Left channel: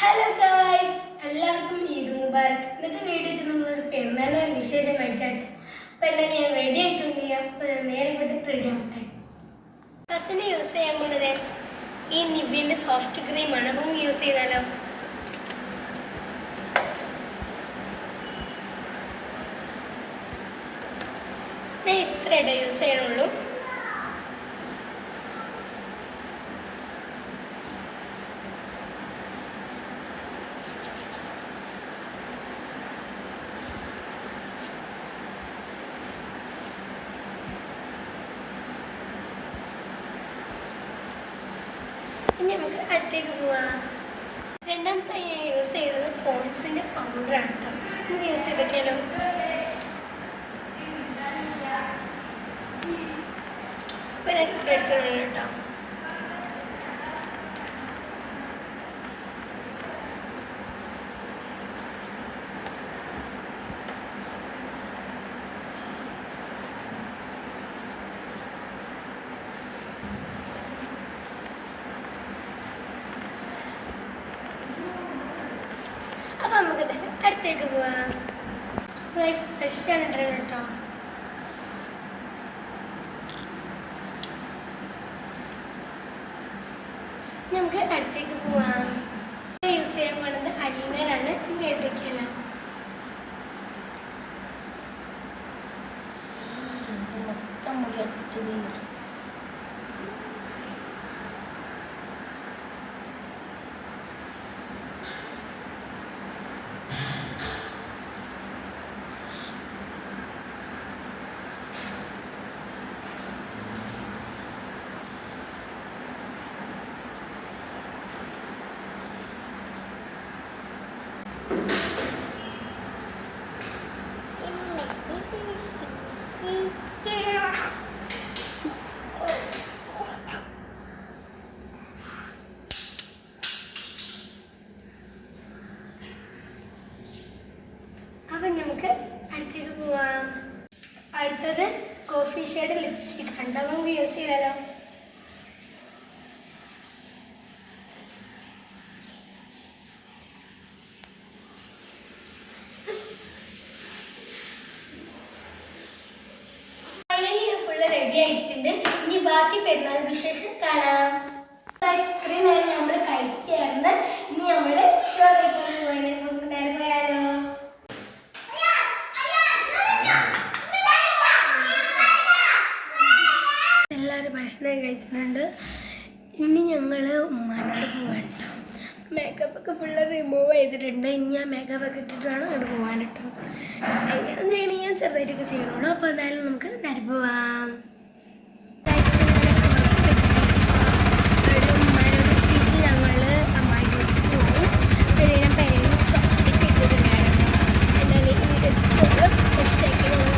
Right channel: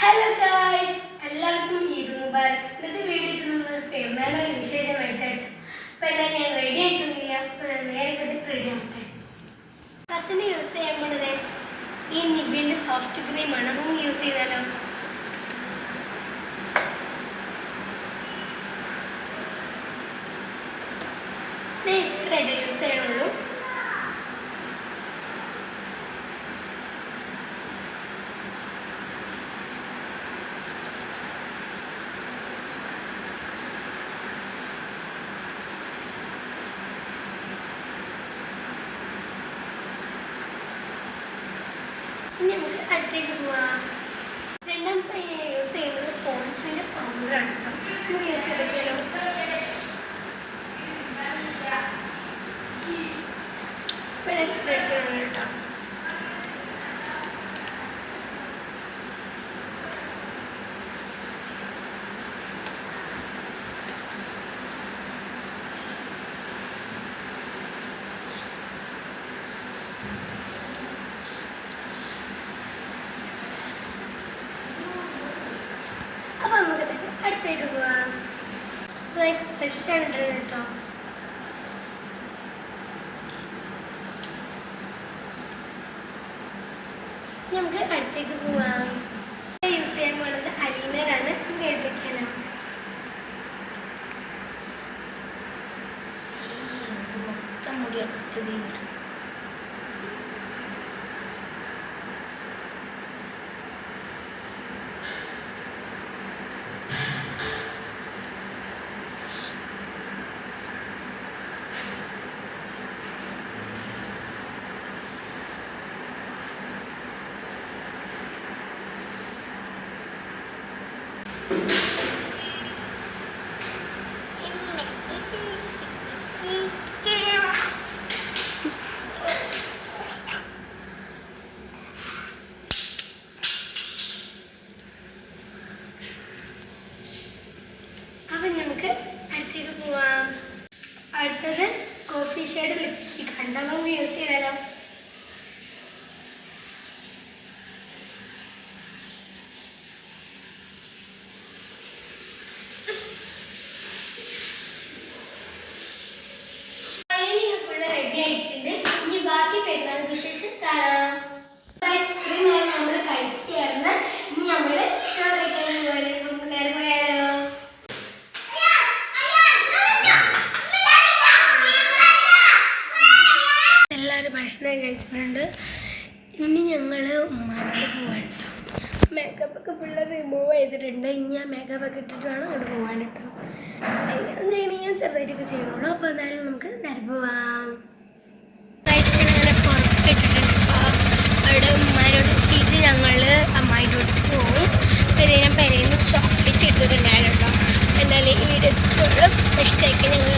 Hello guys, എല്ലാവർക്കും ഈദ് മുബാരക്. ഇന്നത്തെ video നമ്മൾ പെരുന്നാൾ വിശേഷമായിട്ടാണ്. അപ്പം എന്നാൽ ഞാൻ റെഡി ആയിട്ടൊന്നുമില്ല. അപ്പോൾ ഞാൻ നേരെ പെട്ട് റെഡി ആവട്ടെ. ഫസ്റ്റിന് യൂസ് ചെയ്യാൻ പോണത് ഈ നിവ്യൻ്റെ സോഫ്റ്റ് ക്രീമാണ്. അപ്പം യൂസ് ചെയ്താലോ? ഞാൻ ഇത്രയായിട്ട് യൂസ് ചെയ്യണുള്ളൂ. ഇനി നമുക്ക് അടുത്തേക്ക് പോവാം. രണ്ടാമത്തെ ഞാൻ യൂസ് ചെയ്യുന്നത് പോൺസിൻ്റെ പൗഡറാണ് കേട്ടോ. നമുക്ക് യൂസ് ചെയ്തൊക്കെയാലോ? ഇപ്പം ഞാൻ എടുക്കണം കേട്ടോ. അപ്പോൾ നമുക്ക് തന്നെ അടുത്തേക്ക് പോവാം. ഗൈസ്, ഫ്രഷാണ് ഇട്ടത് കേട്ടോ. നമുക്ക് അടുത്തേക്ക് പോവാം. യൂസ് ചെയ്യാൻ പോകുന്നത് അലീനറാണ്. നമുക്ക് എഴുതിക്കാലോ? മൊത്തം മുടി ഒറ്റത് അപ്പം നമുക്ക് അടുത്തേക്ക് പോവാം. അടുത്തത് കോഫി ഷേഡ് ലിപ്സ്റ്റിക് ഉണ്ട്. നമുക്ക് യൂസ് ചെയ്താലോ? റെഡി ആയിട്ടുണ്ട്. ഇനി ബാക്കി പെരുന്നാൾ വിശേഷം കാണാം. ഐസ്ക്രീം നമ്മൾ കഴിക്കുകയാണ്. ഇനി നമ്മൾ ചോറ് കഴിക്കാൻ പോവാണ്. നമുക്ക് നേരെ പോയാലോ? എല്ലാവരും ഭക്ഷണം കഴിച്ചിട്ടുണ്ട്. ഇനി ഞങ്ങൾ ഉമ്മാനോട് പോകാൻ കേട്ടോ. മേക്കപ്പ് ഒക്കെ ഫുള്ള് റിമൂവ് ചെയ്തിട്ടുണ്ട്. ഇനി ആ മേക്കപ്പ് ഒക്കെ ഇട്ടിട്ട് വേണം അവിടെ പോകാൻ കേട്ടോ. എന്തെങ്കിലും ഞാൻ ചെറുതായിട്ടൊക്കെ ചെയ്യണുള്ളൂ. അപ്പോൾ എന്തായാലും നമുക്ക് നേരെ പോവാം. അങ്ങനെ പുറത്തിട്ടിട്ടുണ്ട്. അപ്പോൾ അവിടെ ഉമ്മാനോട് എത്തിയിട്ട് ഞങ്ങൾ അമ്മായിനോട് പോകും. പിന്നെ ഞാൻ പെരയിൽ നിന്ന് ചോക്ലേറ്റ് ഇട്ടിട്ടുണ്ടായിരുന്നു കേട്ടോ. എന്നാലും ഈ വീഡിയോ ഇഷ്ടമാക്കി ഞങ്ങൾ